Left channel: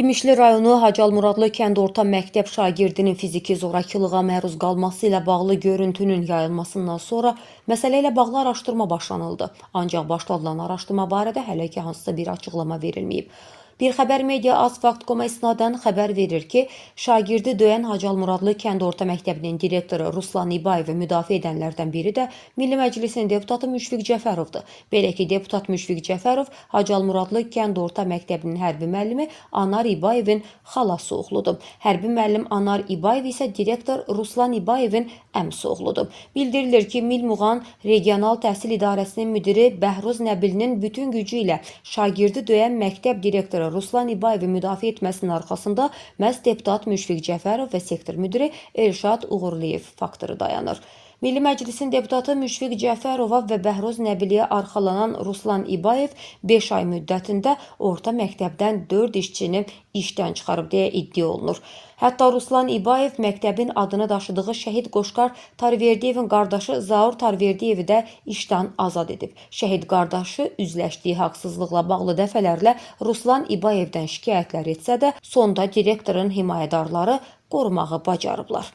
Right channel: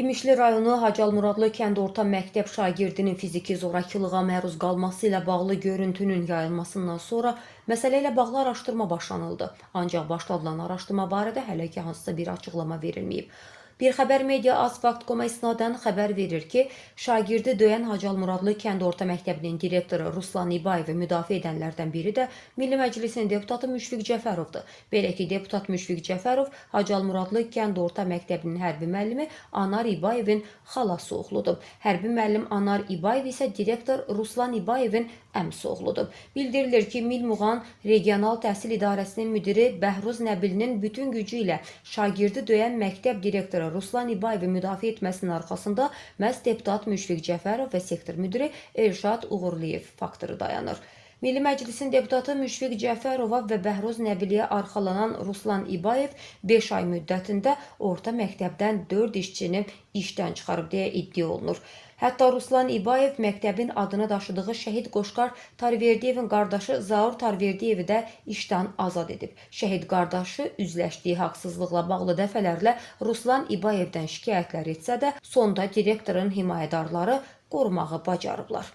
İmişli rayonu Hacı Muradlı kənd orta məktəb şagirdinin fiziki zorakılığa məruz qalması ilə bağlı görüntünün yayılmasından sonra məsələ ilə bağlı araşdırma başlanıldı. Ancaq başladılan araşdırma barədə hələ ki hansısa bir açıqlama verilməyib. Bir xəbər media Asfakt.com-a isnadən xəbər verir ki, şagirdi döyən Hacı Muradlı kənd orta məktəbinin direktoru Ruslan İbayevi müdafiə edənlərdən biri də Milli Məclisin deputatı Müşfiq Cəfərovdur. Belə ki, deputat Müşfiq Cəfərov Hacı Muradlı kənd orta məktəbinin hərbi müəllimi Anar İbayevin xalası oğludur. Hərbi müəllim Anar İbayev isə direktor Ruslan İbayevin əmisi oğludur. Bildirilir ki, Milmuğan Regional Təhsil İdarəsinin müdiri Bəhruz Nəbilinin bütün gücü ilə şagirdi döyən məktəb direktoru Ruslan İbayevi müdafiə etməsinin arxasında məhz deputat Müşfiq Cəfərov və sektor müdiri Elşad Uğurliyev faktoru dayanır. Milli Məclisin deputatı Müşfiq Cəfərova və Bəhruz Nəbiliyə arxalanan Ruslan İbayev 5 ay müddətində orta məktəbdən 4 işçini işdən çıxarıb deyə iddia olunur. Hətta Ruslan İbayev məktəbin adını daşıdığı şəhid Qoşqar Tarverdiyevin qardaşı Zaur Tarverdiyevi də işdən azad edib. Şəhid qardaşı üzləşdiyi haqsızlıqla bağlı dəfələrlə Ruslan İbayevdən şikayətlər etsə də, sonda direktorun himayədarları qorumağı bacarıblar.